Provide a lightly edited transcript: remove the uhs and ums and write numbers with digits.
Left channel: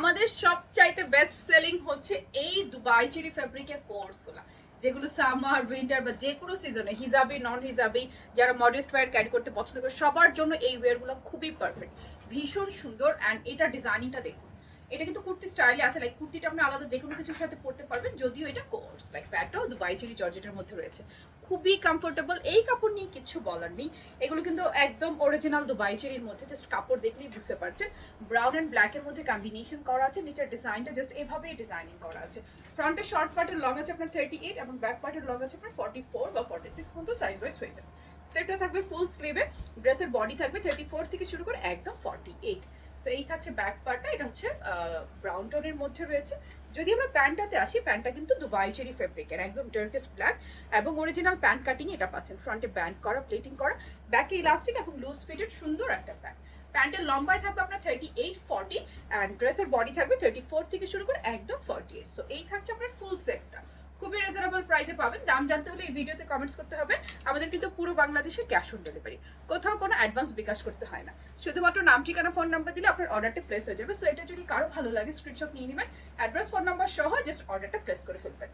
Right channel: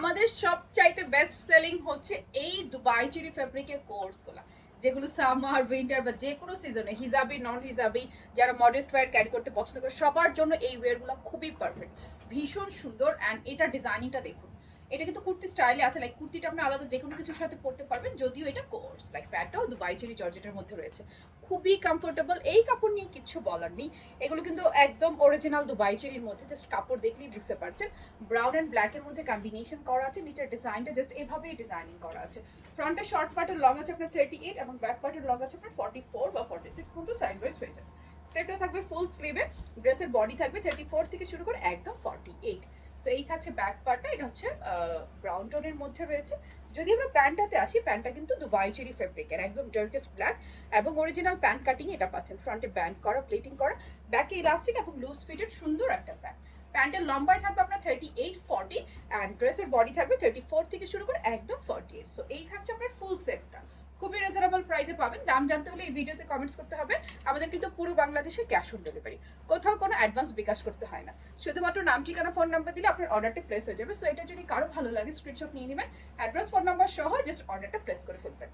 আমাদের সবচাইতে best selling হচ্ছে এই দুবাই চেরি ফ্যাব্রিকের কোর্সগুলো, যেগুলো সামার উইন্টার বা যে কোনো সিজনে হিজাবি নন হিজাবি যারা মডেস্ট ওয়্যার ক্যারি করতে পছন্দ করে সবার জন্য এই ওয়্যারগুলো খুবই পারফেক্ট, ভীষণ সুন্দর। অ্যান্ড এটা ডিজাইনিংটা দেখুন, এটা কিন্তু কুর্তি স্টাইলে আছে, লাইক কুর্তিটা আপনি আলাদা যে কোনো কিছুর সাথে পরতে পারবেন, যদিও এটা কোর্স লাইক প্যান্টও দুবাই চেরি জর্জেটের মধ্যে রয়েছে, খুবই কমফোর্টেবল। এই কাপড় নিয়ে কিচ্ছু বলার নেই, এগুলো কিন্তু একদম অরিজিনাল দুবাই চেরির মধ্যে, জাস্ট কাপড় দেখলেই বুঝতে পারছেন। ব্রাউন অ্যান্ড ব্ল্যাকের মধ্যে কম্বিনেশন করা আছে, নিচের ডিজাইনটা জাস্ট এভাবেই ডিজাইনিং করা আছে। ফ্রন্টের শর্ট পার্টের লং আছে আপনার 38 এবং ব্যাক পার্টের লং আছে আপনার 44 বা 46 পর্যন্ত সাইজ ওয়াইজ হয়ে যাবে। স্টেপটা থাকবে ফুল স্লিভে, ড্রেসের বডি থাকবে 34 থেকে শুরু করে একদম 48। সো এই থাকছে ব্যাক পার্টটা, এটা হচ্ছে ব্রাউন টোনের মধ্যে রয়েছে। যদি আমরা প্যান্টটাতে আসি, প্যান্টটা কিন্তু দুবাই চেরি ফেব্রিকের একদম ডার্কেস্ট ব্ল্যাক এবং অরিজিনাল প্যান্ট কাটিং এটা পাচ্ছেন, ফ্রন্টে ব্যান্ড করা প্লেটিং করা, ব্যাকে ইলাস্টিক এবং লুজ ফিটেড সুন্দর একটা প্যান্ট। প্যান্টের লম্বায় থাকবে আপনার 38-40 অ্যান্ড ড্রেসের বডি থাকবে 34 থেকে শুরু করে একদম 48। সো এই থাকছে আপনার ফুল সেটটা, খুবই রিজনেবল প্রাইসে পাবেন। দাম জানতে হলে এই ভিডিওতে কমেন্টস করতে হবে। আমাদের কিন্তু পুরো বাংলাদেশে ক্যাশ অন ডেলিভারি, কোথাও কোনো অ্যাডভান্স বিকাশ করতে হয় না, শুধুমাত্র নাম ঠিকানা ফোন নাম্বার দিলে আপনার অর্ডারটা প্লেস হয়ে যাবে। সো এটা যদি কারো ভালো লাগে স্ক্রিনশট নিয়ে নেবেন, অ্যাড্রেস ফোন নাম্বার সহ জাস্ট অর্ডারটা প্লেস করে ফেলবেন।